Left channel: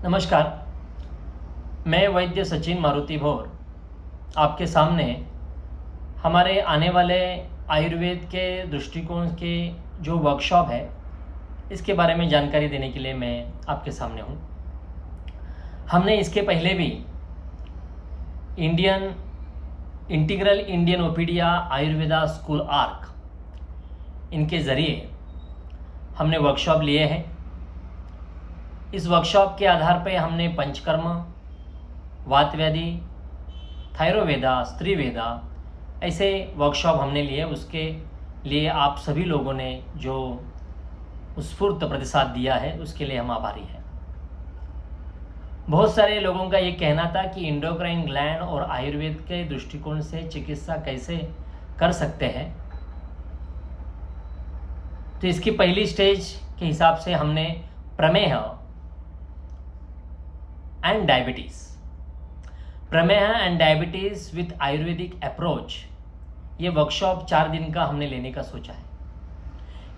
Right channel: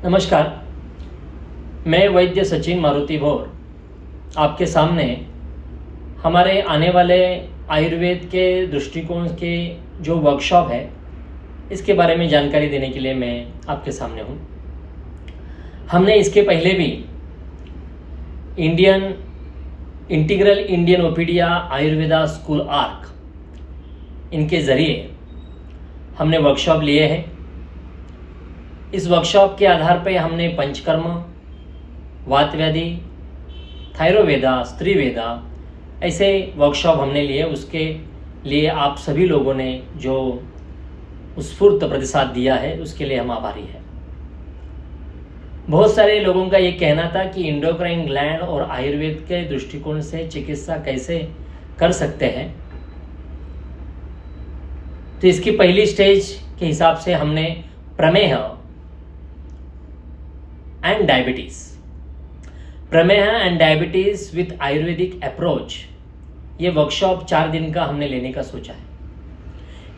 नमस्कार। मैं वैद्य सचिन मारुति भोर आपके सामने हमारे आने वाले आयुर्वेद के दृष्टिकोण के जो वर्कशॉप है इसके बारे में जानकारी देने के लिए मैं आपके सामने हूँ। हमने इसके पहले भी इंटीग्रल इंडियन ओपीडिया आयुर्वेदा स्कूल आर्क इनके ज़रिए हमने वर्कशॉप लिए हैं। इस वर्कशॉप के आधार पर हमने पंचकर्म, वात व्याधि, थायरोवेदा, स्त्री वेदा ऐसे वर्कशॉप हमने लिए। उसके लिए आप सभी लोगों ने जो स्फूर्त प्रतिसाद दिया है उसके लिए हम आभारी हैं। बहुत सारे लोगों का ये कहना था कि इंडोक्राइन ग्लैंड और आयुर्वेद के दृष्टिकोण से चिकित्सा कैसे कर सकते हैं। तो इसकी पहली स्टेज के हिसाब से हमने prameha and diabetes with Ayurvedic approach, ये वर्कशॉप 4 दिन का हमने लेने का सोचा है।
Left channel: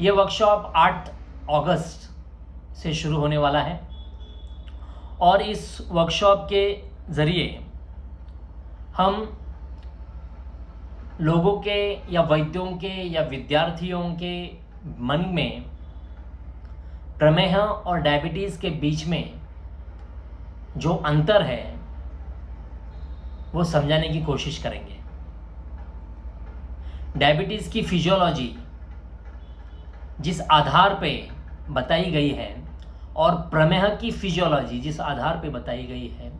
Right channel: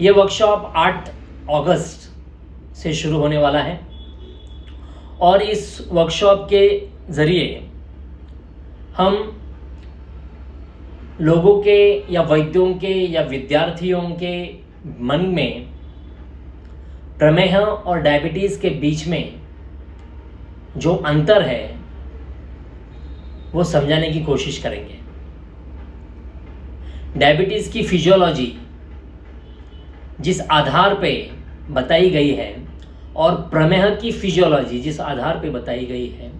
ये वर्कशॉप 8 अगस्त से शुरू होने वाला है और इस वर्कशॉप के ज़रिए हम लोगों के या वैद्यों के या विद्यार्थियों के मन में प्रमेह और डायबिटीज़ के बीच में जो अंतर है वो समझाने की कोशिश करेंगे। डायबिटीज़ की फिजियोलॉजी जिस आधार पे बताई गई है और प्रमेह की फिजियोलॉजी जिस आधार पे बताई गई है,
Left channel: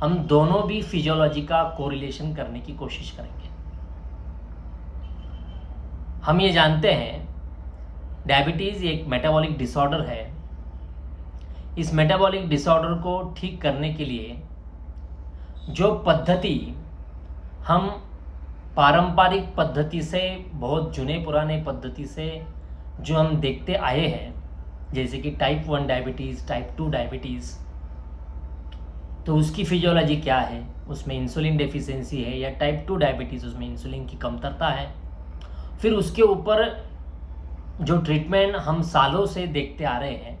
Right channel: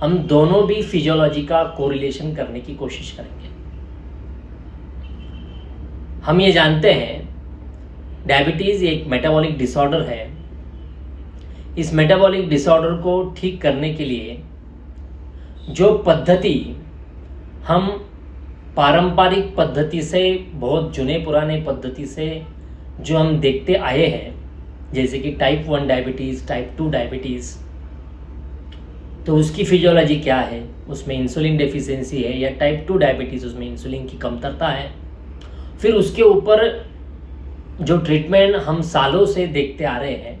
हम दोनों भी फिजियोलॉजी का कोरिलेशन करने की कोशिश करेंगे। हम ये जानते हैं डायबिटीज़ एक मेटाबॉलिक डिसऑर्डर है। इस मेटाबॉलिक डिसऑर्डर को ठीक करने के लिए जो पद्धति हम पारंपरिक पद्धति से, बहुत जुने पुराने पद्धति से जो हम देखते आए हैं, जैसे कि टाइप 1 डायबिटीज़, टाइप 2 डायबिटीज़, तो उसकी फिजियोलॉजी क्या है, उसमें इंसुलिन डेफिशिएंसी है, या टाइप 2 डायबिटीज़ उसमें इंसुलिन की कमतरता है। फिर उसके ऊपर जो ट्रीटमेंट हम सालों से देखते आ रहे हैं,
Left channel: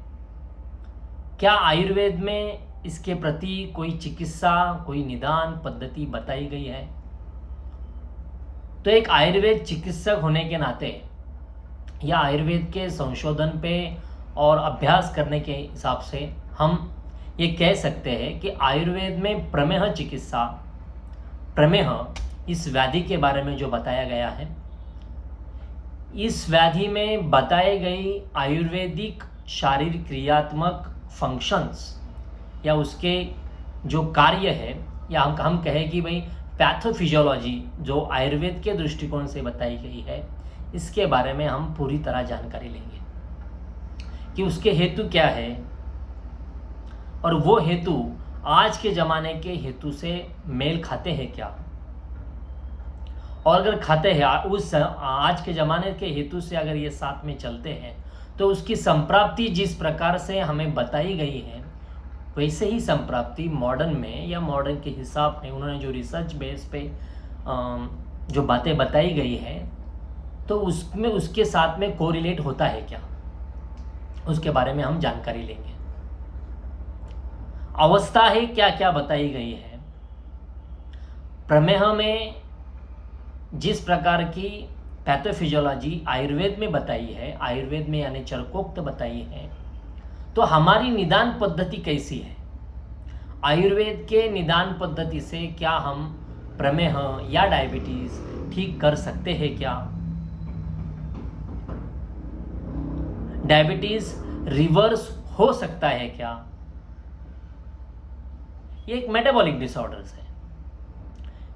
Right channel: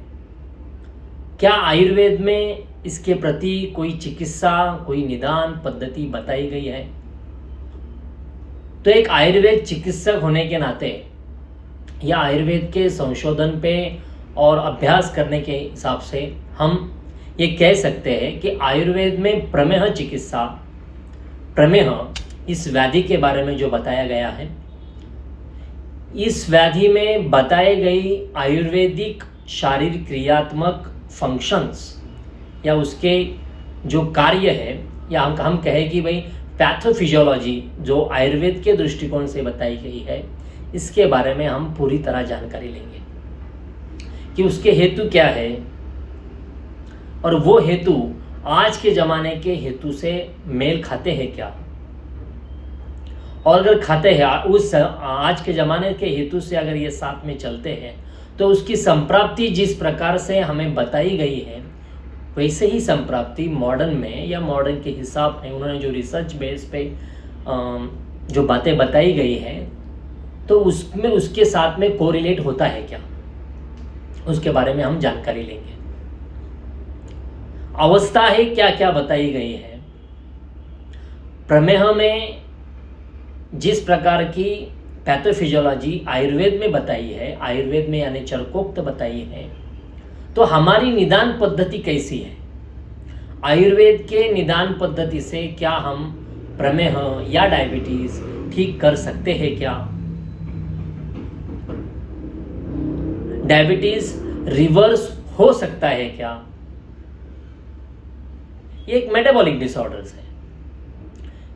क्या आयुर्वेद में इसके प्रति कोई चिकित्सा, कोई निदान पद्धति बताई गई है। तो एक आयुर्वेद चिकित्सक होने के नाते या आयुर्वेद के संशोधन पे और अभ्यास करने के हिसाब से हम ये कह सकते हैं कि आयुर्वेद में प्रमेह चिकित्सा, प्रमेह इस व्याधि के बारे में जो बताया गया है, इस व्याधि में बताई गई आयुर्वेदिक शारीरिक क्रियात्मक फंक्शंस या उसके जो कार्य है, या हम कहें कि भाई पैथोफिजियोलॉजी जो आयुर्वेद के दृष्टिकोण से बताई गई है, इसके बारे में हम पूरी तरह जानकारी लेंगे कि उसके हेतु क्या है और वो हेतु आज के ज़माने के हेतु से मेल खाते हैं क्या, और अगर खाते हैं उस आज के ज़माने के हेतु से अगर ये साथ में चलते हैं तो उसकी संप्राप्ति जिस प्रकार से हमें बताई गई है वैसे ही संप्राप्ति मॉडर्न में या मॉडर्न के हिसाब में उन्होंने जो रिसर्च बेस पे जो बातें बताई गई हैं, तो उसमें उसके साथ में कोरिलेट होता है क्या, उसके बारे में हम जानकारी लेंगे। अवस्था है क्या क्या बताई गई है। प्रमेह में जिस प्रकार की पैथोफिजियोलॉजी आयुर्वेद में बताई है, आयुर्वेद में यानी चरकोक्त बताई है, तो हमारी निदान पद्धति कैसी है। आयुर्वेद के निदान पद्धति से क्या हम प्रमेह या डायबिटीज ठीक कर सकते हैं क्या। डायबिटीज रिवर्स हो सकता है क्या। ये एक मेटाबॉलिक डिसऑर्डर्स है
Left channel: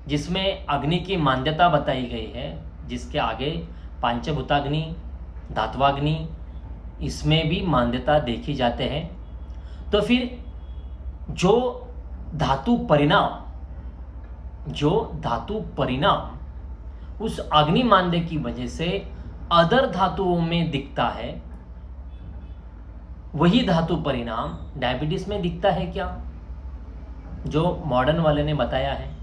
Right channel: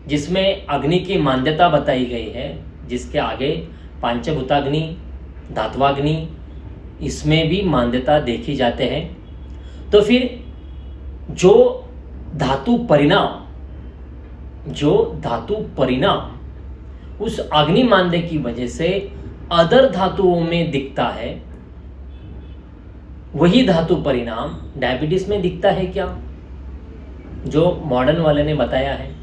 जिसमें अग्नि की मान्यता बताई गई है, जिसके आगे पांचभूताग्नि, धात्वाग्नि, इसमें भी मान्यता देखी जाते हैं। तो फिर जो धातु परिणाम उस अग्नि मान्य की वजह से अदर धातुओं में दिखता है, वही धातु परिणाम डायबिटीज में दिखता है क्या, जो मॉडर्न वाले ने बताया है।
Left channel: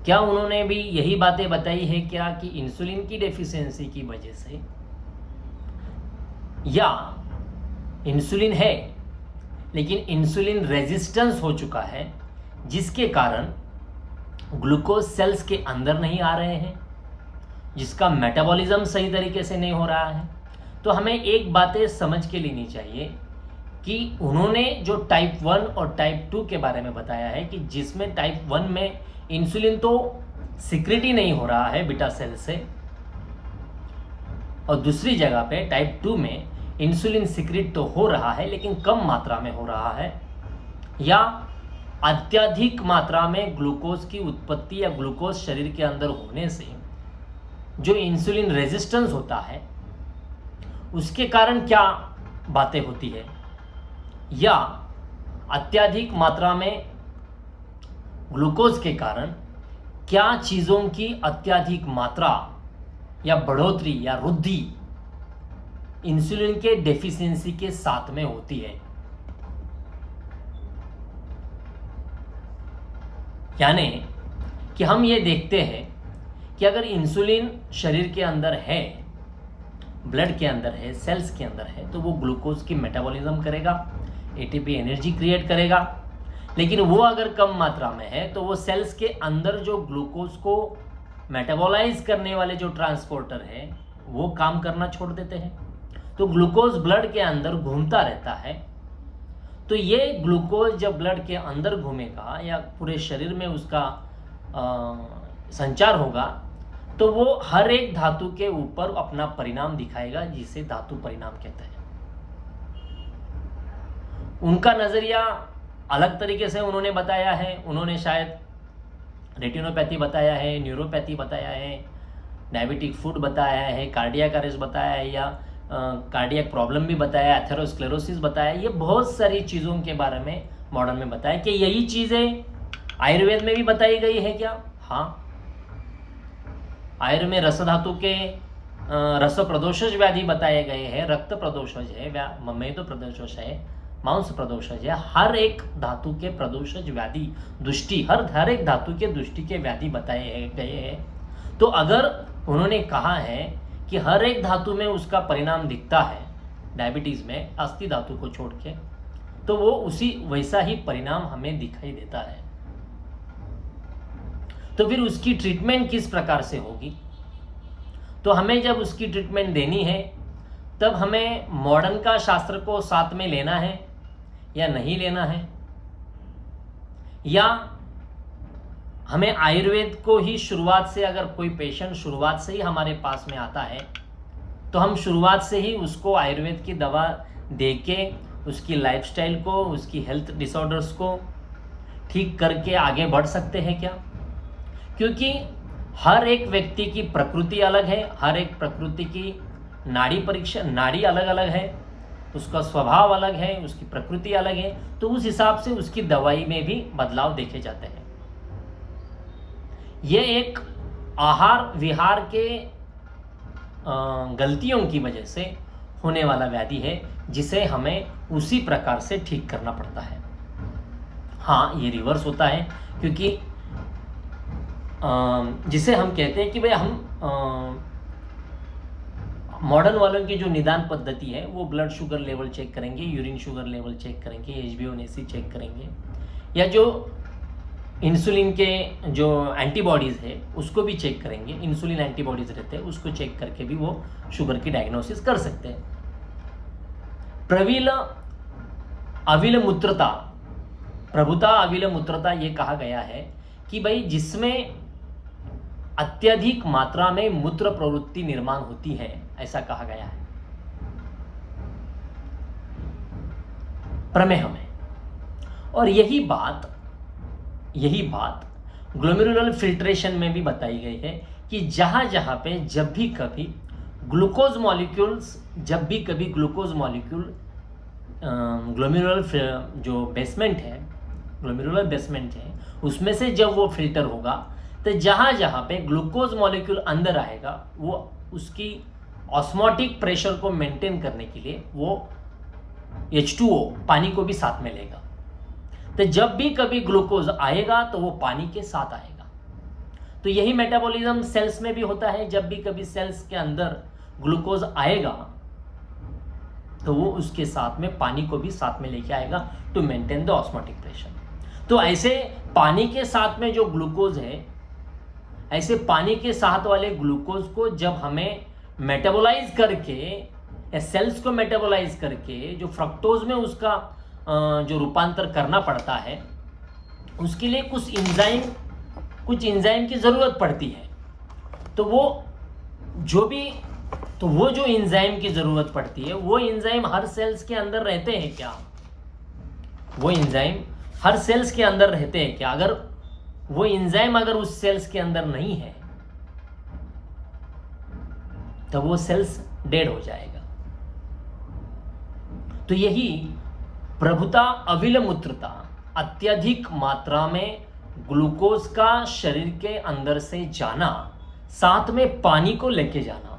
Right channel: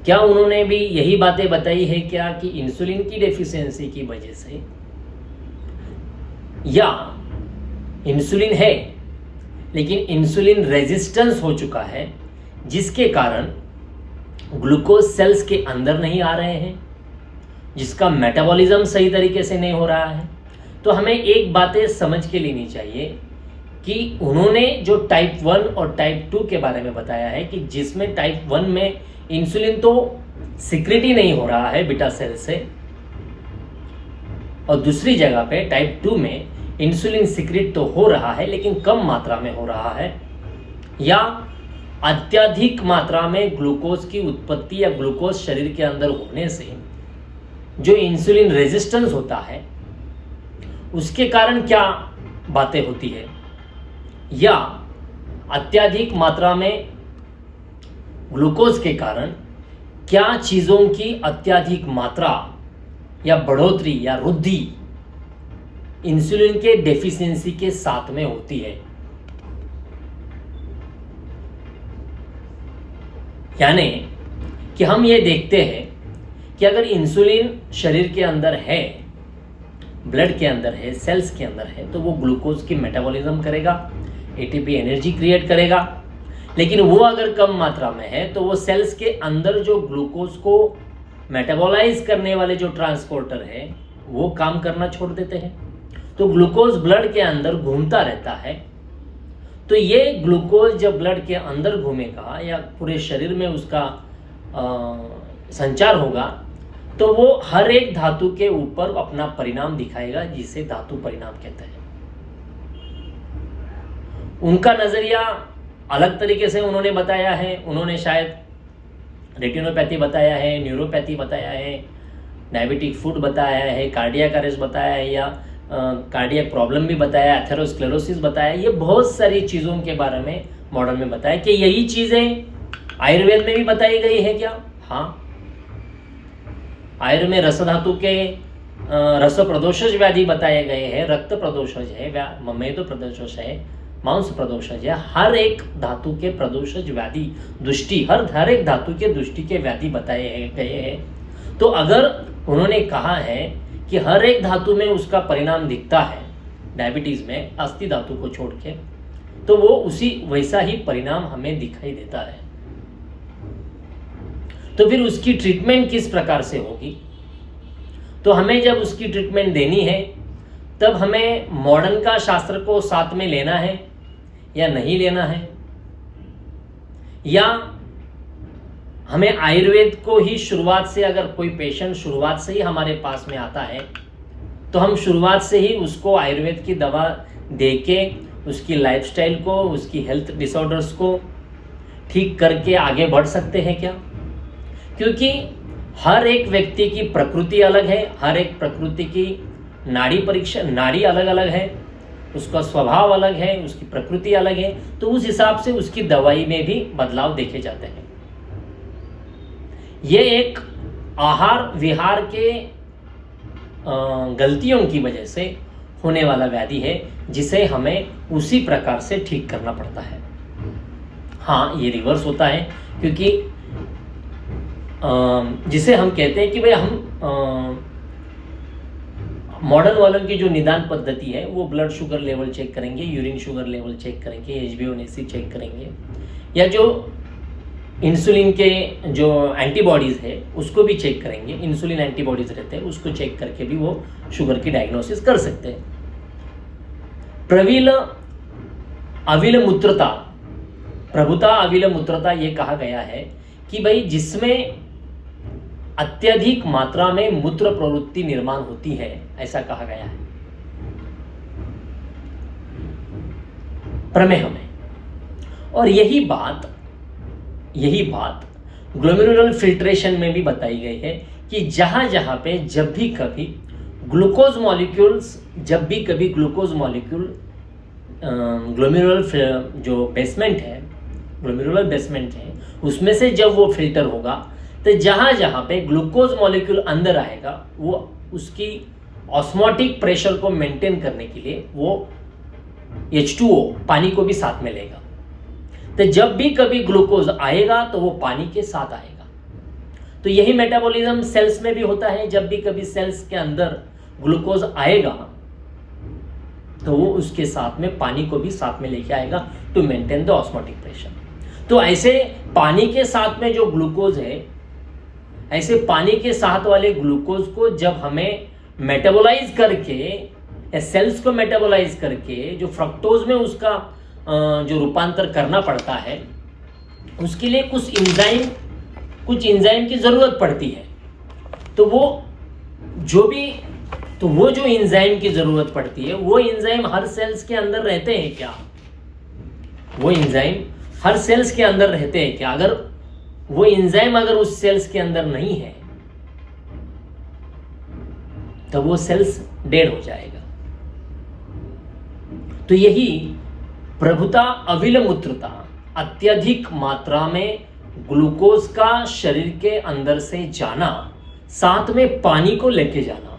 क्या उन्होंने भी यही बातें बताई है क्या कि इंसुलिन की डेफिशिएंसी की वजह से, या इंसुलिन है लेकिन इंसुलिन रेजिस्टेंस हो चुका है, जिसके कारण ग्लूकोज सेल्स के अंदर नहीं आ रहे हैं, जिसका मेटाबॉलिज्म सही तरीके से नहीं हो रहा है। तो हमें एक बातें समझ के लेनी चाहिए कि उन्होंने जो टाइप 1 और टाइप 2 के बारे में बताया है कि जिसमें टाइप 1 में इंसुलिन तो सिक्रेट ही नहीं हो रहा है बीटा सेल से, और दूसरी जगह पे टाइप 2 में इंसुलिन सिक्रेट तो हो रहा है लेकिन कम मात्रा में हो रहा है, या अत्यधिक मात्रा में ग्लूकोज की उत्पत्ति या ग्लूकोज शरीर के अंदर होने से जो इंसुलिन रेजिस्टेंस होता है उसके कारण क्या बातें होती है, या अत्यधिक मात्रा में ग्लूकोज के कारण क्या चीज़ों की अत्यधिक मात्रा या बढ़ोतरी या वृद्धि इंसुलिन के डेफिशिएंसी के साथ में होती है। यानी कि हम ये देखते हैं कि अगर इंसुलिन शरीर के अंदर है, ब्लड के अंदर है, सेल्स के अंदर है, तो वो ग्लूकोज की मेटाबॉलिज्म करेगा, एटीपी एनर्जी क्रिएट करेगा। लेकिन वो अगर कम मात्रा में है तो वो सेल्स के अंदर जो ग्लूकोज को मेटाबॉलाइज करने वाले जो ट्रांसपोर्टर है वो काम करना छोड़ देते हैं, तो ग्लूकोज ब्लड के अंदर घूमता रहता है। तो ये ग्लूकोज जब ब्लड के अंदर घूमेगा या पूरे शरीर में उसका संचार होगा तो वो हर एक धातु के ऊपर अपना परिणाम दिखाएगा, जिसे धातु परिणाम कहते हैं। उनका नजरिया अलग तरीके से उन्होंने बताया है। उन्होंने शायद रेटिनोपैथी बताया है, न्यूरोपैथी बताया है, डायबिटिक फूड बताया है, कार्डियक अरेस्ट बताया है, या कार्डियक प्रॉब्लम भी बताया, एथेरोस्क्लेरोसिस बताया। ये बहुत सारी चीज़ों के बारे में मॉडल में बताया कि यही चीज़ें आयुर्वेद में भी बताई गई है क्या? हाँ, आयुर्वेद में रस धातु के रस प्रदोषज व्याधि बताए गए हैं, रक्त प्रदोषज है, मेदो प्रदोषज है, मांस प्रदोषज है। हर एक धातु के प्रदोषज व्याधि दुष्टि, हर एक धातु के दुष्टि के व्याधि बताए गए हैं। तो अगर उन्होंने कहा है कि हर एक धातु में उसका परिणाम दिखता है, डायबिटीज में अस्थि धातु को छोड़ के, तो वो उसी वैसा ही परिणाम हमें दिखाई देता है। तो फिर उसकी ट्रीटमेंट किस प्रकार से होगी? तो हमें जब उसकी ट्रीटमेंट देनी है तब हमें मॉडर्न का शास्त्र को साथ में लेना है या नहीं लेना है, या हमें आयुर्वेद को ही शुरुआत से, अगर कोई पेशेंट शुरुआत से ही हमारे पास में आता है तो हम शुरुआत से ही उसको आयुर्वेद की दवा देके उसकी लाइफस्टाइल को, उसकी हेल्थ डिसऑर्डर्स को ठीक करके आगे बढ़ सकते हैं क्या? क्योंकि हर एक व्यक्ति की प्रकृति अलग है, हर एक प्रकृति की नाड़ी अलग अलग है, उसका स्वभाव अलग है, उसकी प्रकृति अलग है, तो उस हिसाब से उसकी दवाई में भी बदलाव देखे जाते हैं। ये एक आहार विहार के गलतियों की वजह से होने वाला व्याधि है, जिसे हमें उसी प्रकार से ठीक करना पड़ता है। हाँ, ये रिवर्स होता है, क्योंकि जिसे हम कहते हैं कि भाई हम मॉडर्न वालों की जो निदान पद्धति है वो ब्लड शुगर लेवल चेक करेंगे, यूरिन शुगर लेवल चेक करेंगे, HbA1c चेक करेंगे, या जो इंसुलिन के जो एंटीबॉडीज़ है उसको भी चेक करेंगे। इंसुलिन एंटीबॉडीज़ रहते हैं, उसको चेक करके भी वो शुगर की डायग्नोसिस कर सकते हैं। प्रभुता अविल मूत्रता ये कहा गया है कि भाई जिसमें अत्यधिक मात्रा में मूत्र प्रवृत्ति निर्माण होती है, ऐसा कहा गया है प्रमेह में। और यही बात ग्लोमेरुलर फिल्ट्रेशन में भी बताई गई है कि जहां जहां पे जब भी कभी ग्लूकोज मॉलिक्यूल ग्लोमेरुलर जो ग्लोमेरुलर बेसमेंट है उसमें से जब वो फिल्टर होगा तो जहां जहां पे ग्लूकोज मॉलिक्यूल अंदर आएगा वो उसकी ऑस्मोटिक प्रेशर को मेंटेन करने के लिए वो H2O पानी को भी साथ में लेगा। तो जब भी कभी ग्लूकोज आएगा तो वो पानी के साथ आएगा। तो यही मेटाबॉलिज्म सेल्स में भी होता है। जब भी कभी सेल्स के अंदर ग्लूकोज आएगा तो वो उसके साथ में पानी को भी साथ में लेके आएगा to maintain the osmotic pressure. तो ऐसे पानी के साथ में जो ग्लूकोज है, ऐसे पानी के साथ वाले ग्लूकोज को जब हमें मेटाबोलाइज करके, सेल्स को मेटाबोलाइज करके जो फ्रक्टोज में उसका जो रूपांतर करना पड़ता है, उसके लिए कुछ एंजाइम की ज़रूरत पड़ती है। तो वो जो एंजाइम की ज़रूरत पड़ती है, वो एंजाइम हर सेल्स के अंदर रहते हैं क्या? वो एंजाइम हर सेल्स के अंदर रहते हैं क्या? अगर वो एंजाइम अगर उस सेल्स के अंदर नहीं है तो वो सेल्स डेड हो जाएगा। तो यही प्रभुता अविलमूत्रता, अत्यधिक मात्रा में ग्लूकोज का शरीर के अंदर से जाना, साथ में पानी को लेके जाना,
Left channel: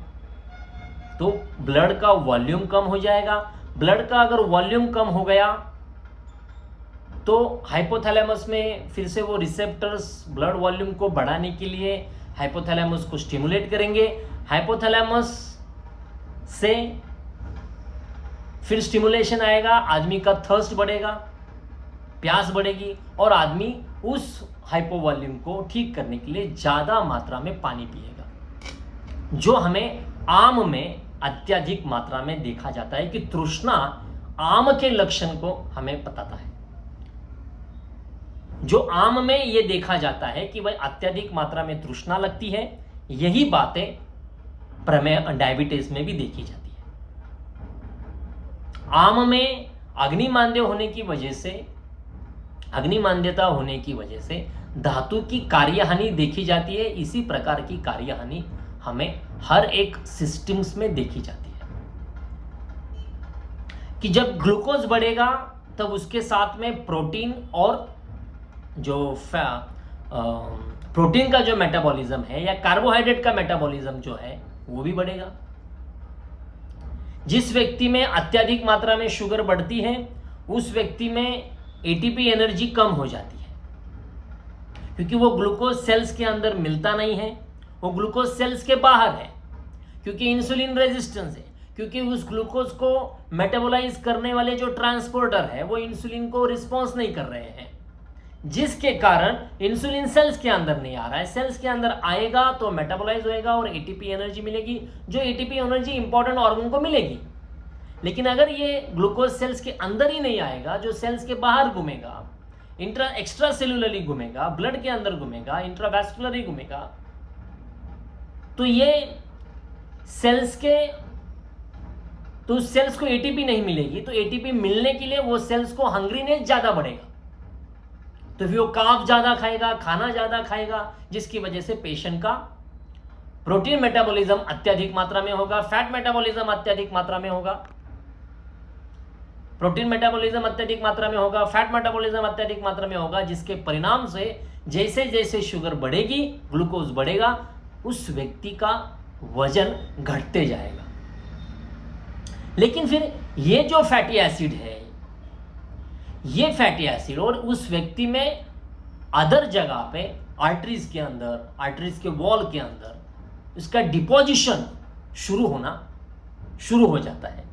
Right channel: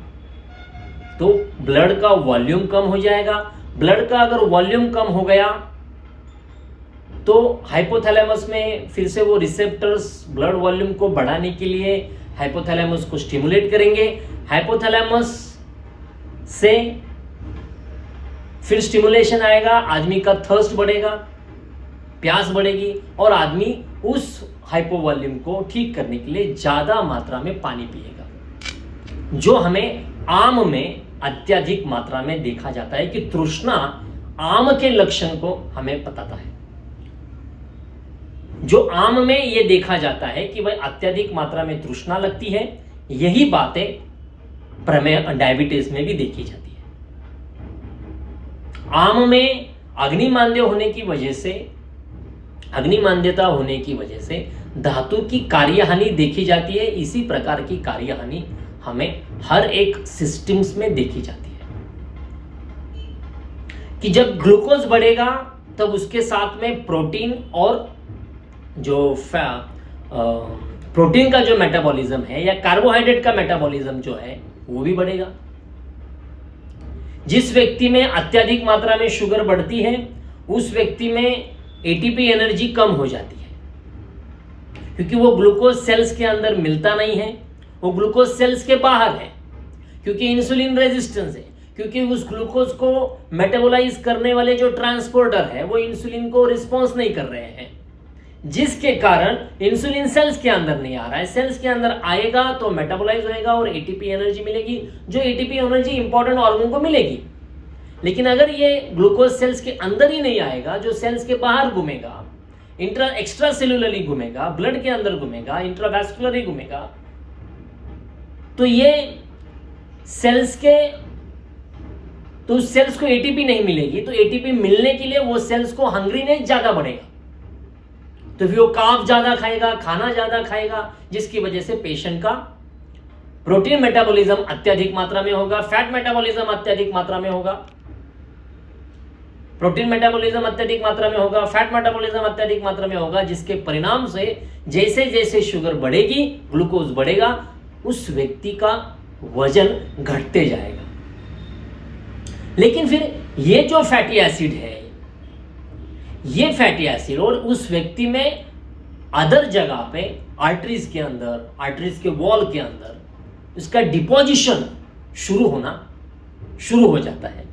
तो ब्लड का वॉल्यूम कम हो जाएगा। ब्लड का अगर वॉल्यूम कम हो गया तो हाइपोथैलेमस में फिर से वो रिसेप्टर्स ब्लड वॉल्यूम को बढ़ाने के लिए हाइपोथैलेमस को स्टिमुलेट करेंगे। हाइपोथैलेमस से फिर स्टिमुलेशन आएगा, आदमी का थर्स्ट बढ़ेगा, प्यास बढ़ेगी और आदमी उस हाइपो वॉल्यूम को ठीक करने के लिए ज्यादा मात्रा में पानी पिएगा। जो हमें आम में अत्यधिक मात्रा में देखा जाता है कि तृष्णा आम के लक्षण को हमें बताता है। जो आम में यह देखा जाता है कि भाई अत्यधिक मात्रा में तृष्णा लगती है, यही बातें प्रमेह डायबिटीज में भी देखी जाती है। आम में अग्निमांद्यता होने की वजह से धातु की कार्यहानि देखी जाती है। इसी प्रकार की कार्यहानि हमें हर एक सिस्टम्स में देखी जाती है कि जब ग्लूकोज बढ़ेगा तब उसके साथ में प्रोटीन और जो प्रोटीन का जो मेटाबॉलिज्म है या कार्बोहाइड्रेट का मेटाबॉलिज्म जो है वो भी बढ़ेगा। जिस व्यक्ति में अत्यधिक मात्रा में शुगर बढ़ती है उस व्यक्ति में एटीपी एनर्जी कम हो जाती है, क्योंकि वो ग्लूकोज सेल्स के अंदर मिलता नहीं है, वो ग्लूकोज सेल्स के बाहर है, क्योंकि इंसुलिन रेजिस्टेंस है, क्योंकि उस ग्लूकोज को मेटाबोलाइज करने वाले जो ट्रांसपोर्टर है वो इंसुलिन को रिस्पॉन्स नहीं कर रहे हैं, जिसके कारण इंसुलिन सेल्स के अंदर नहीं आ रहा है। सेल्स के अंदर आएगा तो मेटाबोलाइज होएगा और एटीपी एनर्जी मिलेगी, जो एटीपी एनर्जी इंपॉर्टेंट ऑर्गन को मिलेगी। लेकिन अगर ये ग्लूकोज सेल्स के अंदर ही नहीं आएगा, जो सेल्स के बाहर घूमेगा, एक्स्ट्रा सेलुलरली घूमेगा, ब्लड के अंदर घूमेगा, इंट्रावैस्कुलरली घूमेगा, तो ये उस सेल्स को एटीपी नहीं मिलेगी। तो एटीपी मिलने के लिए वो सेल्स को हंग्रीनेस ज्यादा बढ़ेगा, तो फिर वो कार्ब ज्यादा खाएगा, खाना ज्यादा खाएगा, जिसकी वजह से पेशेंट का प्रोटीन मेटाबॉलिज्म अत्यधिक मात्रा में होगा, फैट मेटाबॉलिज्म अत्यधिक मात्रा में होगा, प्रोटीन मेटाबॉलिज्म अत्यधिक मात्रा में होगा, फैट मेटाबॉलिज्म अत्यधिक मात्रा में होगा, जिसके परिणाम से जैसे जैसे शुगर बढ़ेगी, ग्लूकोज बढ़ेगा, उस व्यक्ति का वजन घटते जाएगा। लेकिन फिर ये जो फैटी एसिड है, ये फैटी एसिड और उस व्यक्ति में अदर जगह पे आर्टरीज के अंदर, आर्टरीज के वॉल के अंदर इसका डिपोजिशन शुरू हो जाता है,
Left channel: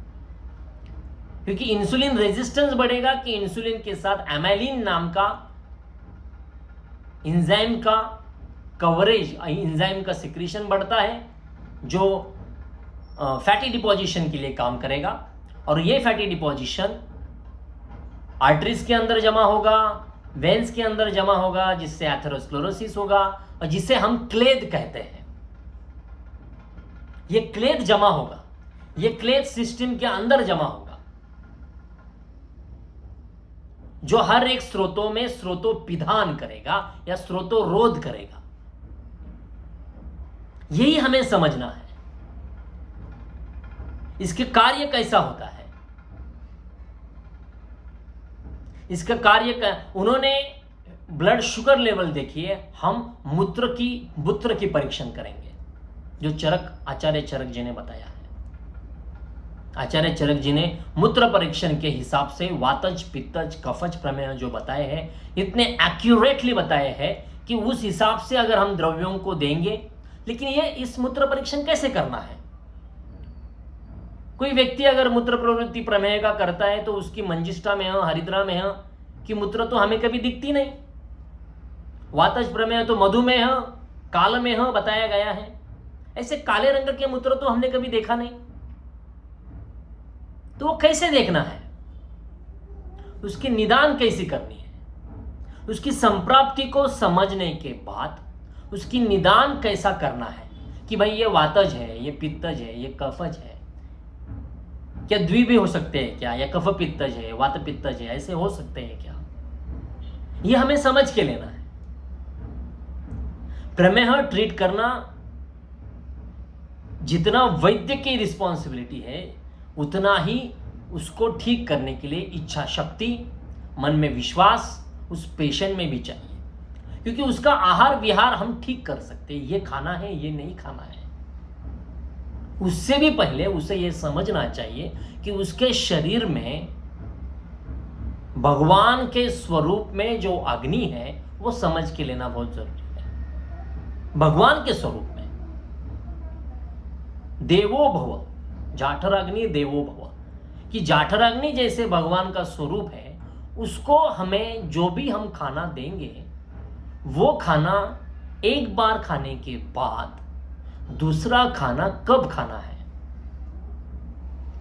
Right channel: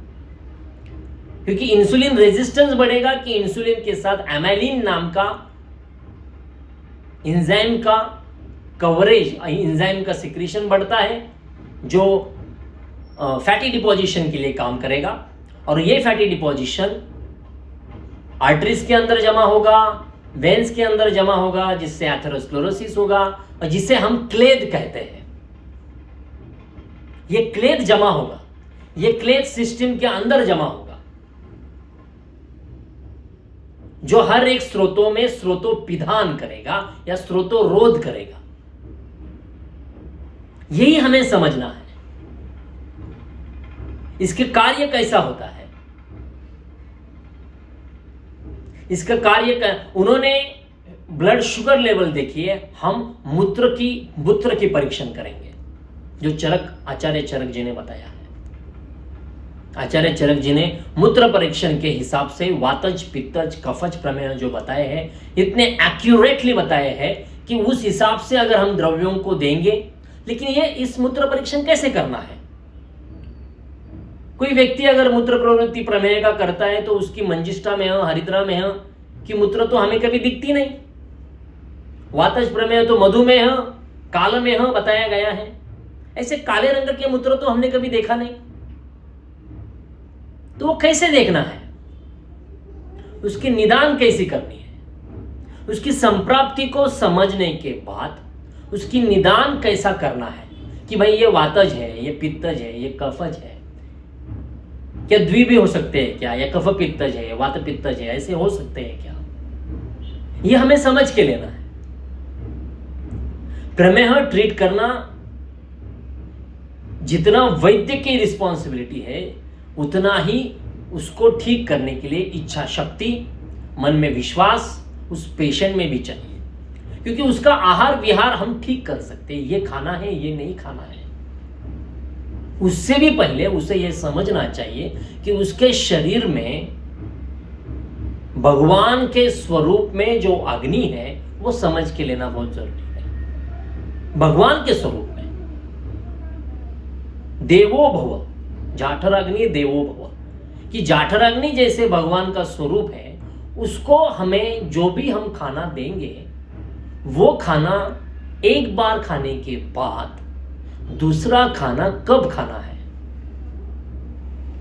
क्योंकि इंसुलिन रेजिस्टेंस बढ़ेगा कि इंसुलिन के साथ एमाइलिन नाम का एंजाइम का कवरेज, एंजाइम का सिक्रीशन बढ़ता है जो फैटी डिपोजिशन के लिए काम करेगा। और ये फैटी डिपोजिशन आर्टरीज के अंदर जमा होगा, वेन्स के अंदर जमा होगा, जिससे एथेरोस्क्लेरोसिस होगा और जिसे हम क्लेद कहते हैं। ये क्लेद जमा होगा, ये क्लेद सिस्टम के अंदर जमा होगा, जो हर एक स्रोतों में स्रोतोपिधान करेगा या स्रोतोरोध करेगा। यही हमें समझना है, इसके कार्य कैसा होता है। इसका कार्य उन्होंने ब्लड शुगर लेवल देखिए, हम मूत्र की परीक्षण करेंगे, जो आचार्य चरक जी ने बताया है। आचार्य चरक जी ने मूत्र परीक्षण के हिसाब से वातज, पित्तज, कफज प्रमेय जो बताए हैं, इतने एक्यूरेटली बताए हैं कि उस हिसाब से अगर हम द्रव्यों को देंगे। लेकिन ये इस मूत्र परीक्षण कैसे करना है, कोई व्यक्ति अगर मूत्र प्रवृत्ति प्रमेह का करता है तो उसकी मंजिष्ठा में हरिद्रा में की मूत्र तो हमें कभी दिखती नहीं। वातज प्रमेह तो मधुमेह काल में बताया गया है। ऐसे काले रंग के मूत्र तो हमने कभी देखा नहीं। तो वो कैसे देखना है, उसकी निदान कैसी करनी है, उसकी संप्राप्ति को समझने के बाद उसकी निदान कैसा करना है कि भाई ये वातज है, ये पित्तज है, ये कफज है, क्या द्वि भी हो सकते हैं क्या, या कफ पित्तज है, वात पित्तज है, ऐसे हो सकते हैं क्या, ये हमें समझ के लेना है। प्रमेह ट्रीट करना जितना वैद्य की रिस्पॉन्सिबिलिटी है उतना ही उसको ठीक करने के लिए इच्छा शक्ति, मन में विश्वास उस पेशेंट में भी चाहिए, क्योंकि उसका आहार विहार हम ठीक कर सकते हैं, ये खाना है ये नहीं खाना है। उससे भी पहले उसे यह समझना चाहिए कि उसके शरीर में भगवान के स्वरूप में जो अग्नि है वो समझ के लेना बहुत जरूरी है। भगवान के स्वरूप में देवो भव, जाठर अग्नि देवो भव, कि जाठर अग्नि जैसे भगवान का स्वरूप है, उसको हमें जो भी हम खाना देंगे वो खाना एक बार खाने के बाद दूसरा खाना कब खाना है।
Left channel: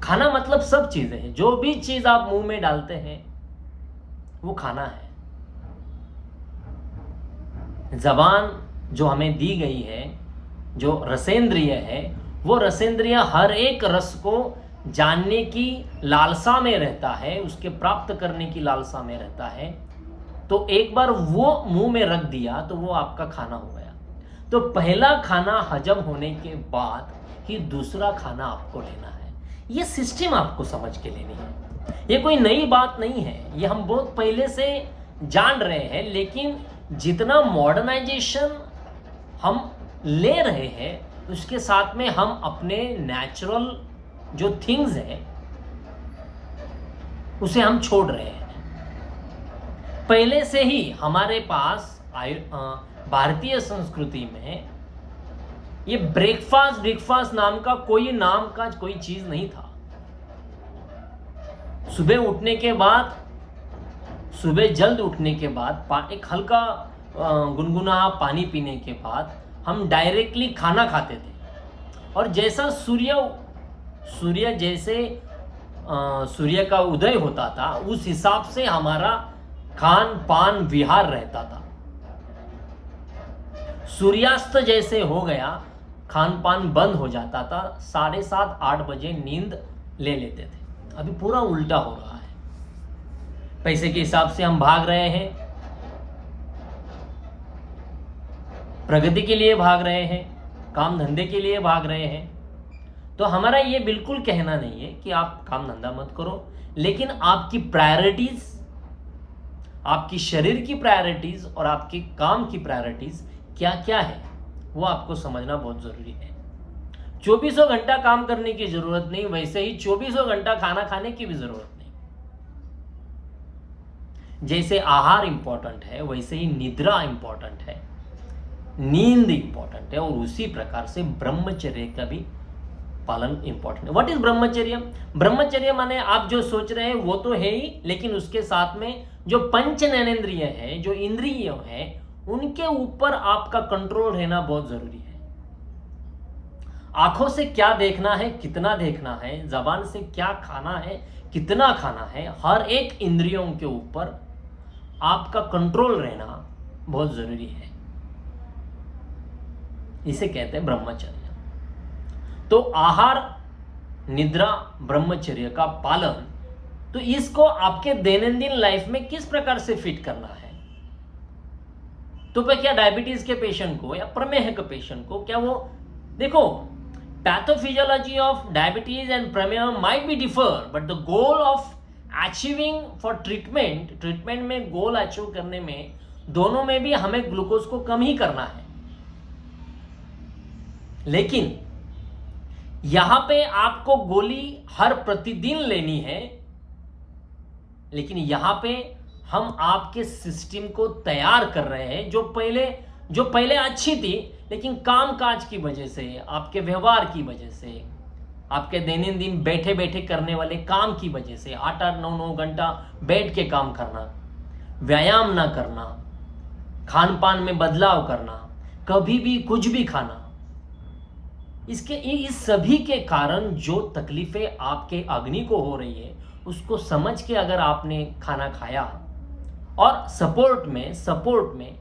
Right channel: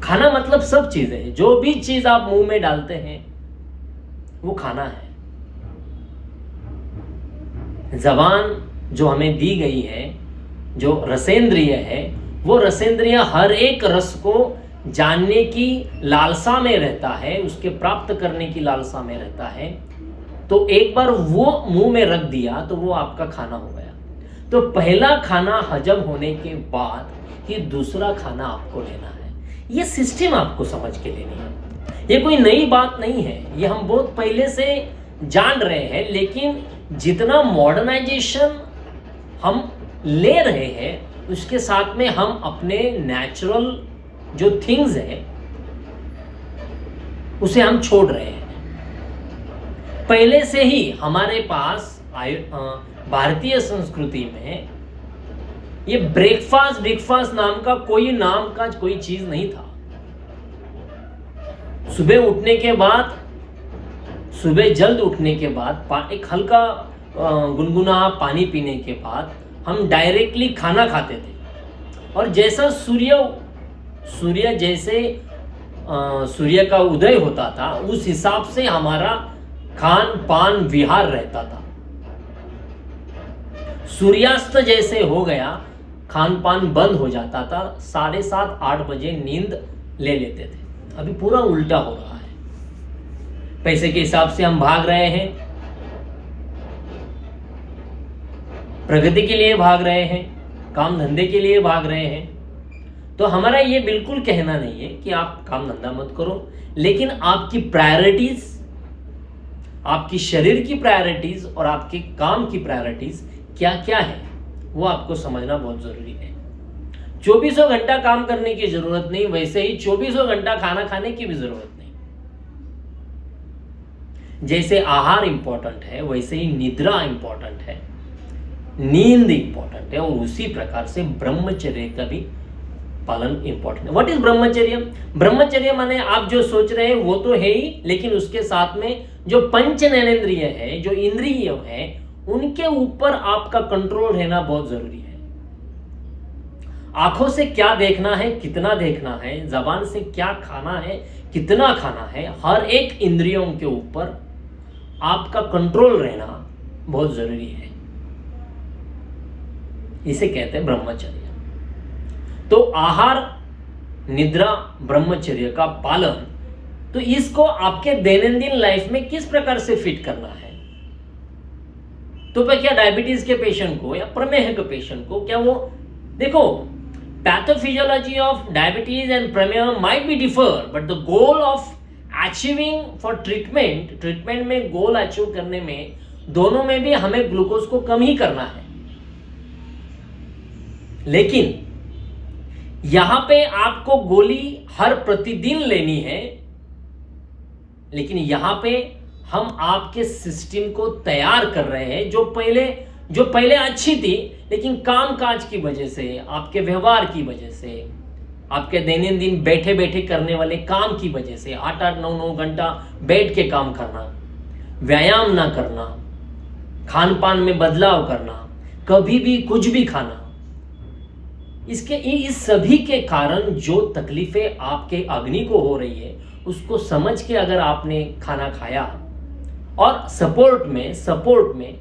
खाना मतलब सब चीजें हैं, जो भी चीज आप मुंह में डालते हैं वो खाना है। जबान जो हमें दी गई है, जो रसेंद्रिय है, वो रसेंद्रिय हर एक रस को जानने की लालसा में रहता है, उसके प्राप्त करने की लालसा में रहता है। तो एक बार वो मुंह में रख दिया तो वो आपका खाना हो गया। तो पहला खाना हजम होने के बाद ही दूसरा खाना आपको लेना है। ये सिस्टम आपको समझ के लेनी है। ये कोई नई बात नहीं है, ये हम बहुत पहले से जान रहे हैं, लेकिन जितना मॉडर्नाइजेशन हम ले रहे हैं उसके साथ में हम अपने नेचुरल जो थिंग्स है उसे हम छोड़ रहे हैं। पहले से ही हमारे पास भारतीय संस्कृति में ये ब्रेकफास्ट नाम का कोई चीज नहीं था। सुबह उठने के बाद, सुबह जल्द उठने के बाद एक हल्का गुनगुना पानी पीने के बाद हम डायरेक्टली खाना खाते थे, और जैसा सूर्य जैसे सूर्य का उदय होता था उस हिसाब से हमारा खान पान विहार रहता था। सूर्यास्त जैसे हो गया, खान पान बंद हो जाता था, 7:30-8 बजे नींद ले लेते थे। अभी पूरा उल्टा हो रहा है। पैसे के हिसाब से हम भाग रहे हैं, प्रगति के लिए भाग रहे हैं, काम धंधे के लिए भाग रहे हैं। तो हमारा ये बिल्कुल कहना नहीं है कि आप काम धंधा मत करो, लेकिन आपकी प्रायोरिटीज, आपकी शरीर की प्रायोरिटीज और आपके काम की प्रायोरिटीज क्या क्या है वो आपको समझना बहुत जरूरी है। 24 घंटा काम करने की जरूरत नहीं, वैसे ही 24 घंटा खाना खाने की भी जरूरत नहीं। जैसे आहार इंपॉर्टेंट है वैसे ही निद्रा इंपॉर्टेंट है, नींद इंपॉर्टेंट है, और उसी प्रकार से ब्रह्मचर्य का भी पालन इंपॉर्टेंट है। व्हाट इज ब्रह्मचर्य? ब्रह्मचर्य माने आप जो सोच रहे हैं वो तो है ही, लेकिन उसके साथ में जो पंच ज्ञानेंद्रिय है, जो इंद्रिय है, उनके ऊपर आपका कंट्रोल रहना बहुत जरूरी है। आंखों से क्या देखना है, कितना देखना है, जबान से क्या खाना है, कितना खाना है, हर एक इंद्रियों के ऊपर आपका कंट्रोल रहना बहुत जरूरी है। इसे कहते हैं ब्रह्मचर्य। तो आहार, निद्रा, ब्रह्मचर्य का पालन, तो इसको आपके दैनंदिन लाइफ में किस प्रकार से फिट करना है। तो क्या डायबिटीज के पेशेंट को या प्रमेह के पेशेंट को, क्या वो देखो, pathophysiology of diabetes and prameha might be differ, but the goal of achieving for treatment में गोल अचीव करने में दोनों में भी हमें ग्लूकोज को कम ही करना है। लेकिन यहां पे आपको गोली हर प्रतिदिन लेनी है, लेकिन यहां पे हम आपके सिस्टम को तैयार कर रहे हैं, जो पहले अच्छी थी, लेकिन काम काज की वजह से, आपके व्यवहार की वजह से, आपके दैनंदिन बैठे बैठे करने वाले काम की वजह से 8-8 9-9 घंटा बैठ के काम करना, व्यायाम ना करना, खान पान में बदलाव करना, कभी भी कुछ भी खाना, इस सभी के कारण जो तकलीफें आपके अग्नि को हो रही है उसको समझ के अगर आपने खाना खाया और सपोर्ट में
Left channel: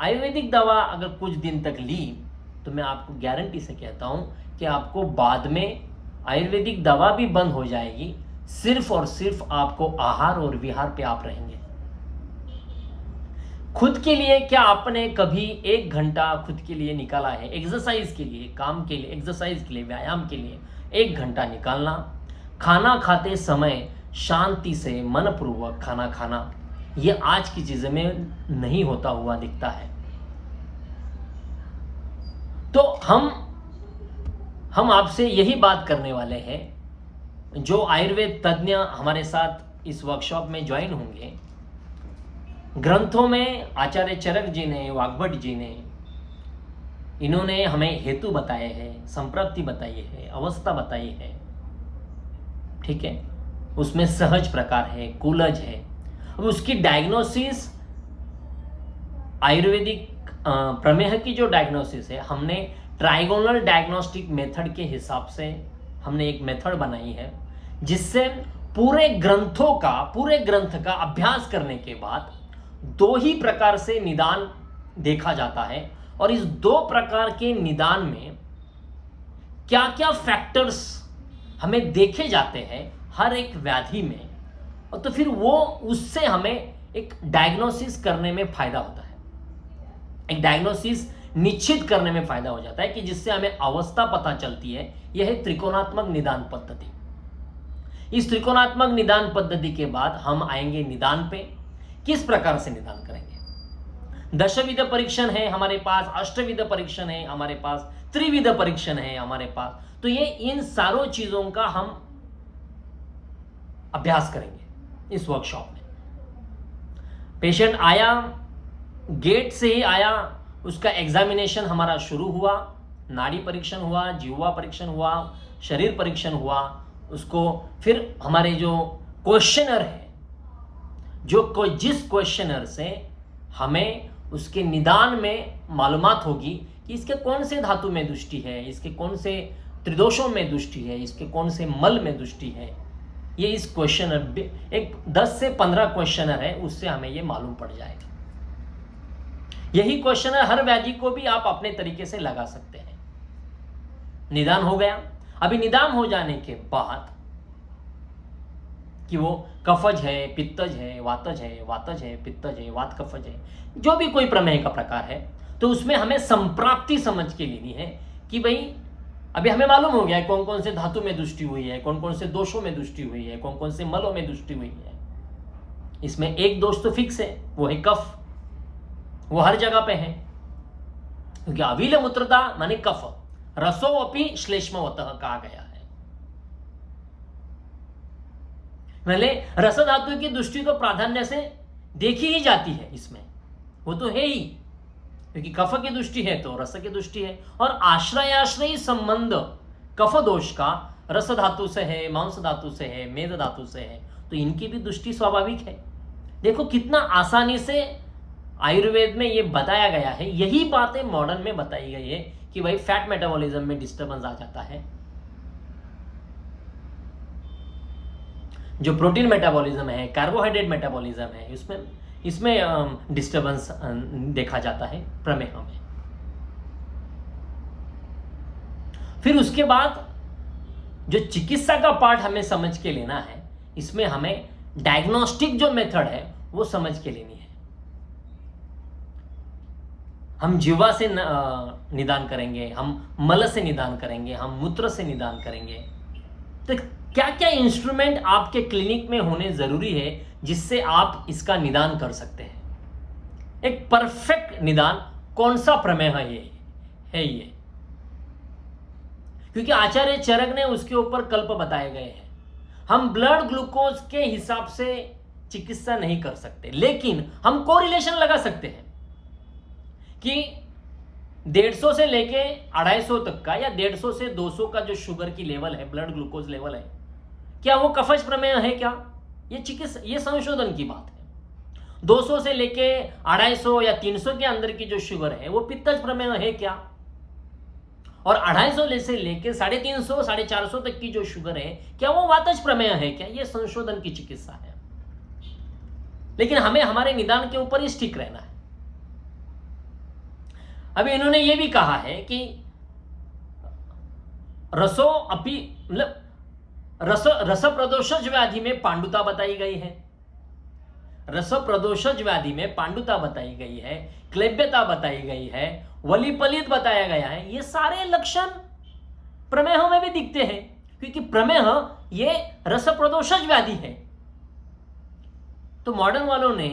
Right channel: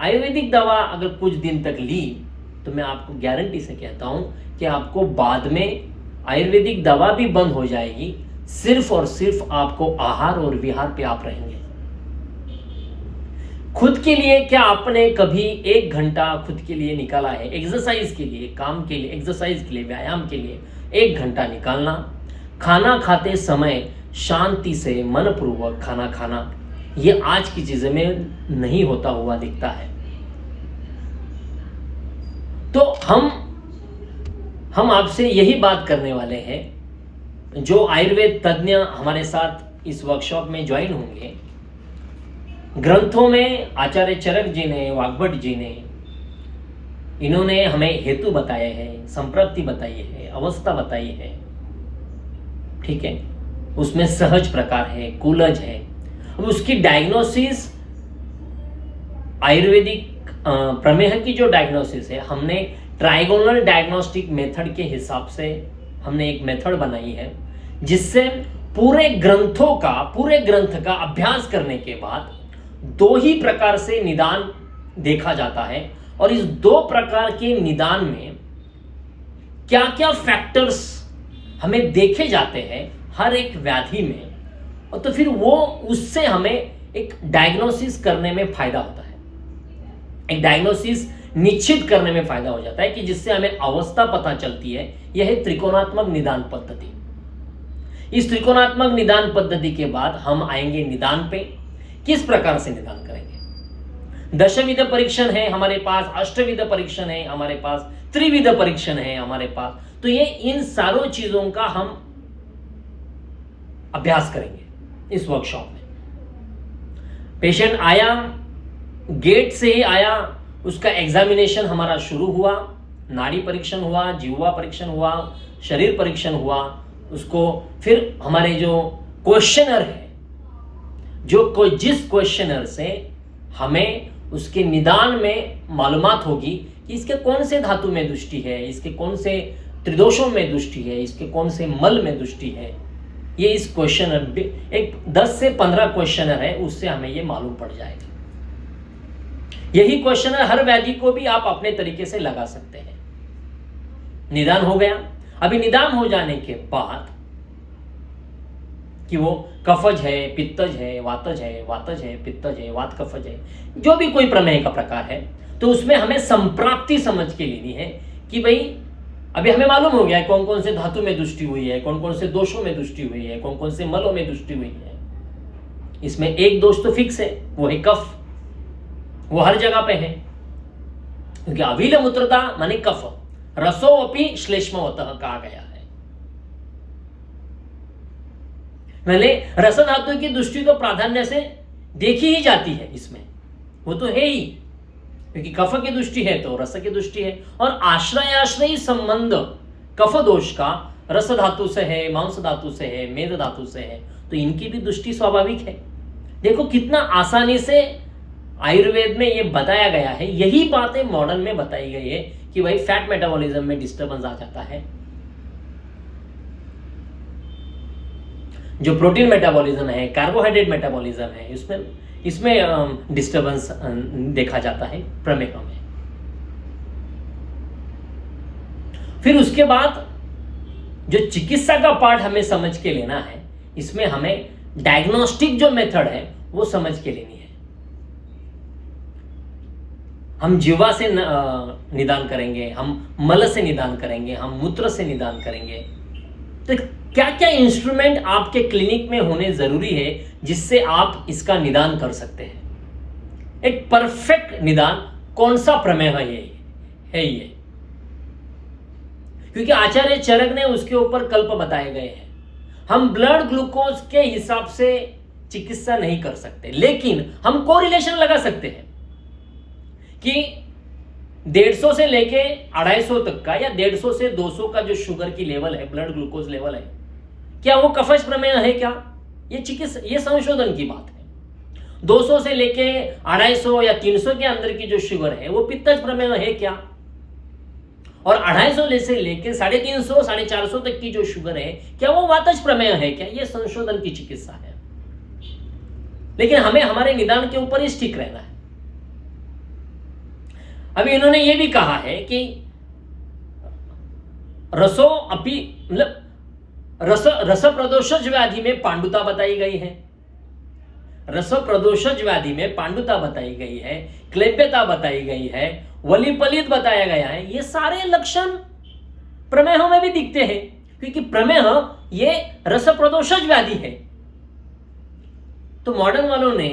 आयुर्वेदिक दवा अगर कुछ दिन तक ली, तो मैं आपको गारंटी से कहता हूं कि आपको बाद में आयुर्वेदिक दवा भी बंद हो जाएगी, सिर्फ और सिर्फ आपको आहार और विहार पे आप रहेंगे। खुद के लिए क्या आपने कभी 1 घंटा खुद के लिए निकाला है? एक्सरसाइज के लिए, काम के लिए, एक्सरसाइज के लिए, व्यायाम के लिए 1 घंटा निकालना, खाना खाते समय शांति से मनपूर्वक खाना खाना, ये आज की चीज़ों में नहीं होता हुआ दिखता है। तो हम आपसे यही बात करने वाले हैं। जो आयुर्वेद तज्ञ हमारे साथ इस वर्कशॉप में ज्वाइन होंगे, ग्रंथों में आचार्य चरक जी ने, वाग्भट जी ने, इन्होंने हमें हेतु बताए हैं, संप्रति बताई है, अवस्था बताई है, ठीक है। उसमें सहज प्रकार है, कूलज है। अब उसकी डायग्नोसिस, आयुर्वेदिक प्रमेह की जो डायग्नोसिस है, हमने ट्राइगोनल डायग्नोस्टिक मेथड के हिसाब से हमने एक मेथड बनाई है, जिससे पूरे ग्रंथ का अभ्यास करने के बाद 2 ही प्रकार से निदान देखा जाता है। और इस 2 प्रकार के निदान में क्या क्या फैक्टर्स हमें देखे जाते हैं हर एक व्याधि में, और तो फिर वो उससे हमें एक डायग्नोसिस करने में फायदा होता है, एक डायग्नोसिस निश्चित करने में फायदा हो जाता है, कि जिससे हमें अवस्था पता चलती है। यह है त्रिकोणात्मक निदान पद्धति। इस त्रिकोणात्मक निदान पद्धति के बाद हम आएंगे निदान पे। किस प्रकार से निदान करेंगे? दशविध परीक्षण है हमारे पास, अष्टविध परीक्षण है हमारे पास, त्रिविध परीक्षण है हमारे पास। तो ये इन सारों चीजों का हम अभ्यास करेंगे इस वर्कशॉप में। पेशेंट आया, गेट से ही आया, उसका एग्जामिनेशन हमारा शुरू हुआ, नाड़ी परीक्षण हुआ, जीवा परीक्षण हुआ, शरीर परीक्षण हुआ, उसको फिर हमारे जो क्वेश्चनर है, जिस क्वेश्चनर से हमें उसके निदान में मालूमात होगी कि इसके कौन से धातु में दृष्टि है, इसके कौन से त्रिदोषों में दृष्टि है, इसके कौन से मल में दृष्टि है, ये इस क्वेश्चनर, एक 10 से 15 क्वेश्चनर है, उससे हमें ये मालूम पड़ जाएगा। यही क्वेश्चनर हर व्याधि को भी आप अपने तरीके से लगा सकते हैं। निदान हो गया। अभी निदान हो जाने के बाद कि वो कफज है, पित्तज है, वातज है, पित्तज है, वात कफज है, जो भी कोई प्रमेह का प्रकार है, तो उसमें हमें संप्राप्ति समझ के लेनी है कि भाई अभी हमें मालूम हो गया है कौन कौन से धातु में दृष्टि हुई है, कौन कौन से दोषों में दृष्टि हुई है, कौन कौन से मलों में दृष्टि हुई है। इसमें एक दोष तो फिक्स है, वो है कफ, वो हर जगह पे है, क्योंकि अविल मूत्रता माने कफ, रसो अपि श्लेष्मवतः कहा गया है। पहले रस धातु की दृष्टि तो प्राधान्य से देखी ही जाती है, इसमें वो तो है ही, क्योंकि कफ की दृष्टि है तो रस की दृष्टि है। और आश्रयाश्रयी संबंध कफ दोष का रस धातु से है, मांस धातु से है, मेद धातु से है, तो इनकी भी दृष्टि स्वाभाविक है। देखो कितना आसानी से आयुर्वेद में ये बताया गया है। यही बातें मॉडर्न में बताई गई है कि भाई फैट मेटाबॉलिज्म में डिस्टर्बेंस आ जाता है, जो प्रोटीन मेटाबॉलिज्म है, कार्बोहाइड्रेट मेटाबॉलिज्म है, इसमें डिस्टर्बेंस देखा जाता है प्रमेह में। फिर उसके बाद जो चिकित्सा का पार्ट हमें समझ के लेना है, इसमें हमें डायग्नोस्टिक जो मेथड है वो समझ के लेनी है। हम जीवा से निदान करेंगे, हम मल से निदान करेंगे, हम मूत्र से निदान करेंगे। तो क्या क्या इंस्ट्रूमेंट आपके क्लिनिक में होने जरूरी है जिससे आप इसका निदान कर सकते हैं? एक परफेक्ट निदान कौन सा प्रमेय है ये, क्योंकि आचार्य चरक ने उसके ऊपर कल्प बताए गए हैं। हम ब्लड ग्लूकोज के हिसाब से चिकित्सा नहीं कर सकते, लेकिन हम कोरिलेशन लगा सकते हैं कि 150 से लेके 250 तक का या 150 से 200 का जो शुगर की लेवल है, ब्लड ग्लूकोज लेवल है, क्या वो कफज प्रमेय है क्या? ये संशोधन की बात है। 200 से लेके 250 या 300 के अंदर की जो शुगर है वो पित्तज प्रमेय है क्या? और 250 से लेके 350 450 तक की जो शुगर है क्या वो वातज प्रमेय है क्या? ये संशोधन की चिकित्सा है। लेकिन हमें हमारे निदान के ऊपर ही स्टिक रहना है। अभी इन्होंने ये भी कहा है कि रस प्रदोषज व्याधि में पांडुता बताई गई है, रस प्रदोषज व्याधि में पांडुता बताई गई है, क्लैप्यता बताई गई है, वलिपलित बताया गया है। ये सारे लक्षण प्रमेह में भी दिखते हैं, क्योंकि प्रमेह ये रस प्रदोषज व्याधि है। तो मॉडर्न वालों ने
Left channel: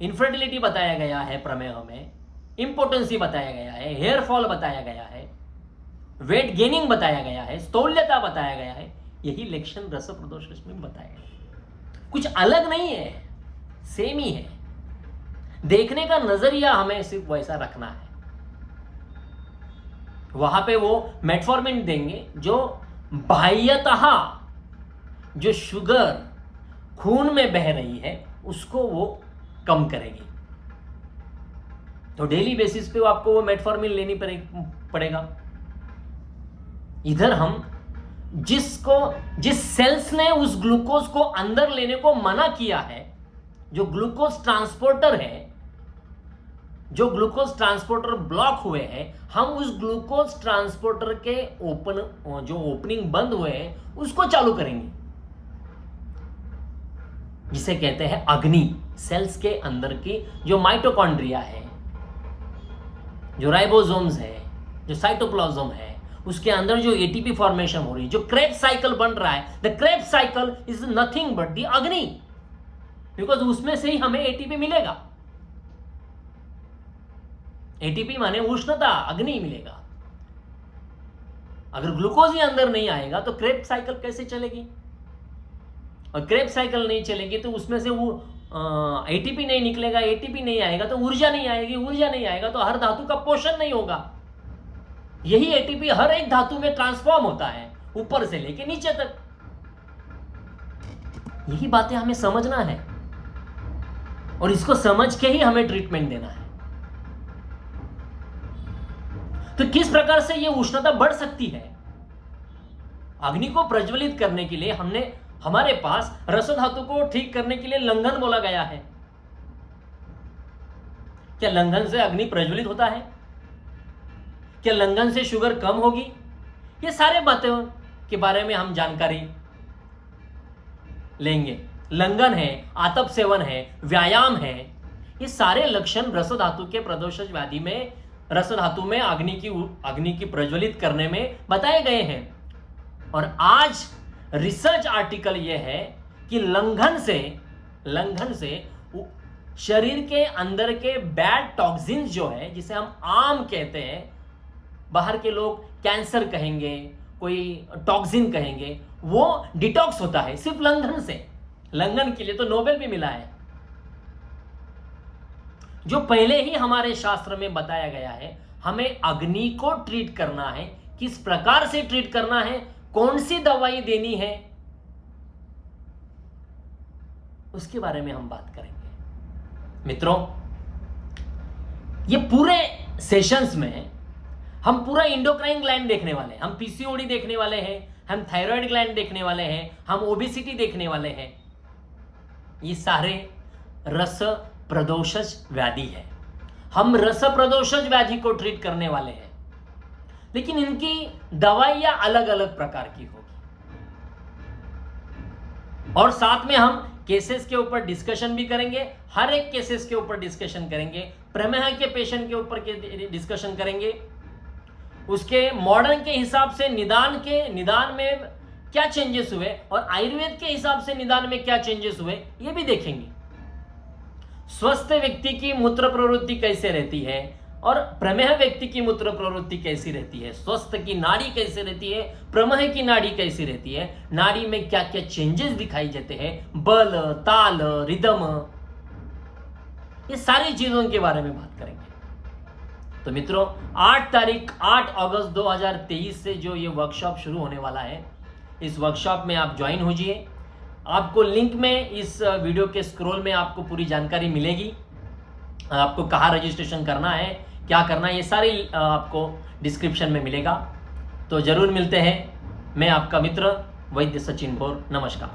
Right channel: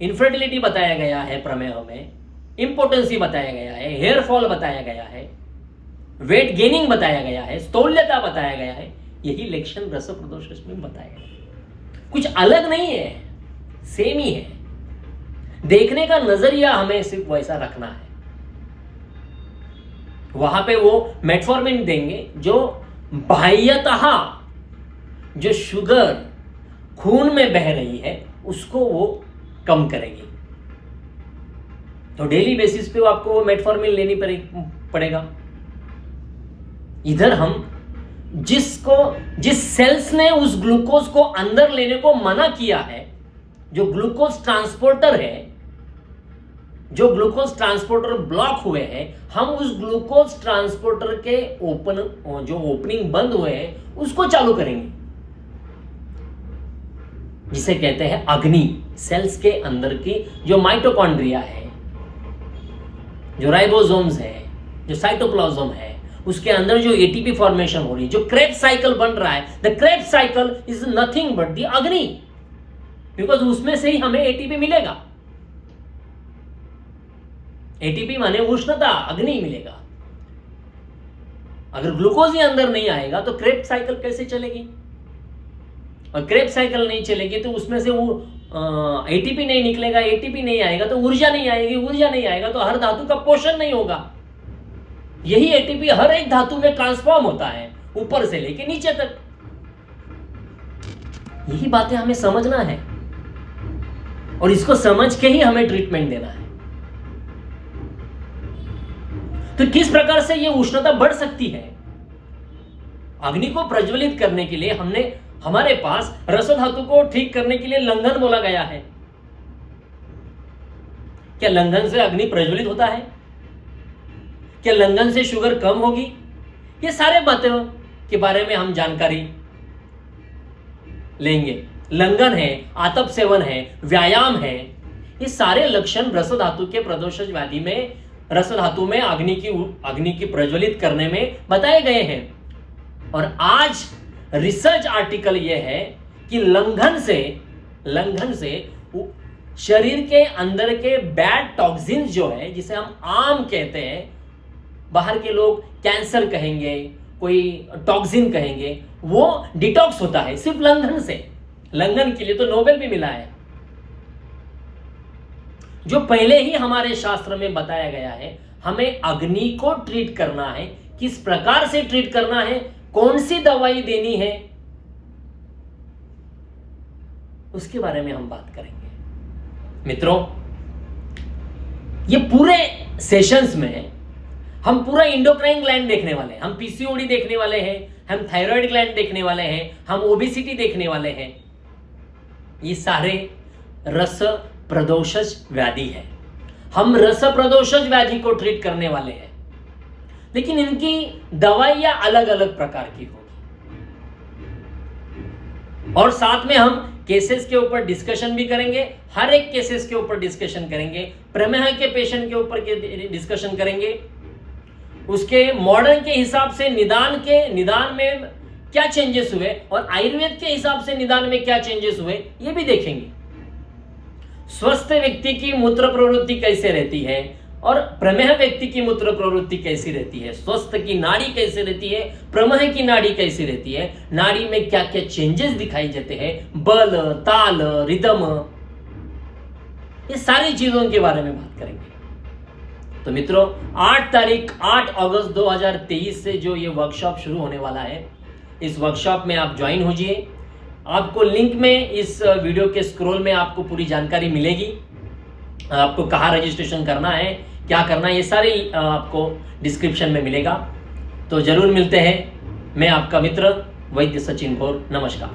इनफर्टिलिटी बताया गया है प्रमेह में, इंपोर्टेंसी बताया गया है, हेयर फॉल बताया गया है, वेट गेनिंग बताया गया है, स्थूल्यता बताया गया है। यही लक्षण रस प्रदोषज में बताया गया। कुछ अलग नहीं है, सेम ही है। देखने का नजरिया हमें सिर्फ वैसा रखना है। वहां पे वो मेटफॉर्मिन देंगे जो बाह्यतः जो शुगर खून में बह रही है उसको वो कम करेगी। तो डेली बेसिस पे आपको वो मेटफॉर्मिन लेनी पड़ेगा। इधर हम जिस सेल्स ने उस ग्लूकोज को अंदर लेने को मना किया है, जो ग्लूकोज ट्रांसपोर्टर है, जो ग्लूकोज ट्रांसपोर्टर ब्लॉक हुए हैं, हम उस ग्लूकोज ट्रांसपोर्टर के जो ओपनिंग बंद हुए हैं उसको चालू करेंगे, जिसे कहते हैं अग्नि। सेल्स के अंदर की जो माइटोकॉन्ड्रिया है, जो राइबोसोम्स है, जो साइटोप्लाज्म है, उसके अंदर जो एटीपी फॉर्मेशन हो रही है, जो क्रेब्स साइकिल बन रहा है, the Krebs cycle is nothing but the अग्नि, बिकॉज उसमें से ही हमें एटीपी मिलेगा। एटीपी माने उष्णता, अग्नि मिलेगा। अगर ग्लूकोज ही अंदर नहीं आएगा तो क्रेब्स साइकिल कैसे चलेगी? और क्रेब्स साइकिल नहीं चलेगी तो उसमें से वो एटीपी नहीं निकलेगा, एटीपी नहीं आएगा तो ऊर्जा नहीं आएगी, ऊर्जा नहीं आएगा तो हर धातु का पोषण नहीं होगा। यही एटीपी हर एक धातु में ट्रांसफॉर्म होता है, ऊपर से लेके नीचे तक। यही बातें हमें समझना है और इसको समझ के ही हमें ट्रीटमेंट देना है। तो किस प्रकार से यह उष्णता बढ़ सकती है? अग्नि को प्रज्वलित करने के लिए हमारे पास रस धातु को ठीक करने के लिए लंघन बोला गया है। क्या लंघन से अग्नि प्रज्वलित होता है? क्या लंघन से शुगर कम होगी? ये सारे बातों के बारे में हम जानकारी लेंगे। लंघन है, आतप सेवन है, व्यायाम है, ये सारे लक्षण रस धातु के प्रदोषज व्याधि में, रस धातु में अग्नि की प्रज्वलित करने में बताए गए हैं। और आज रिसर्च आर्टिकल यह है कि लंघन से शरीर के अंदर के बैड टॉक्सिन्स जो है, जिसे हम आम कहते हैं, बाहर के लोग कैंसर कहेंगे, कोई टॉक्सिन कहेंगे, वो डिटॉक्स होता है सिर्फ लंघन से। लंघन के लिए तो नोबेल भी मिला है। जो पहले ही हमारे शास्त्र में बताया गया है, हमें अग्नि को ट्रीट करना है, किस प्रकार से ट्रीट करना है, कौन सी दवाई देनी है, उसके बारे में हम बात करेंगे। मित्रों, ये पूरे सेशंस में हम पूरा इंडोक्राइन ग्लैंड देखने वाले हैं, हम पीसीओडी देखने वाले हैं, हम थायराइड ग्लैंड देखने वाले हैं, हम ओबेसिटी देखने वाले हैं। ये सारे रस प्रदोषज व्याधि है। हम रस प्रदोषज व्याधि को ट्रीट करने वाले हैं, लेकिन इनकी दवाइयां अलग अलग प्रकार की होगी। और साथ में हम केसेस के ऊपर डिस्कशन भी करेंगे, हर एक केसेस के ऊपर डिस्कशन करेंगे, प्रमेह के पेशेंट के ऊपर डिस्कशन करेंगे, उसके मॉडर्न के हिसाब से निदान में क्या चेंजेस हुए और आयुर्वेद के हिसाब से निदान में क्या चेंजेस हुए, ये भी देखेंगे। स्वस्थ व्यक्ति की मूत्र प्रवृत्ति कैसे रहती है और प्रमेह व्यक्ति की मूत्र प्रवृत्ति कैसी रहती है, स्वस्थ की नाड़ी कैसे रहती है, प्रमेह की नाड़ी कैसी रहती है, नाड़ी में क्या क्या चेंजेस दिखाई देते हैं, बल, ताल, रिदम, ये सारी चीजों के बारे में बात करेंगे। तो मित्रों 8 अगस्त 2023 से जो ये वर्कशॉप शुरू होने वाला है, इस वर्कशॉप में आप ज्वाइन होजिए। आपको लिंक में इस वीडियो के स्क्रॉल में आपको पूरी जानकारी मिलेगी। आपको कहाँ रजिस्ट्रेशन करना है, क्या करना है, ये सारी आपको डिस्क्रिप्शन में मिलेगा। तो ज़रूर मिलते हैं। मैं आपका मित्र वैद्य सचिन घोर। नमस्कार।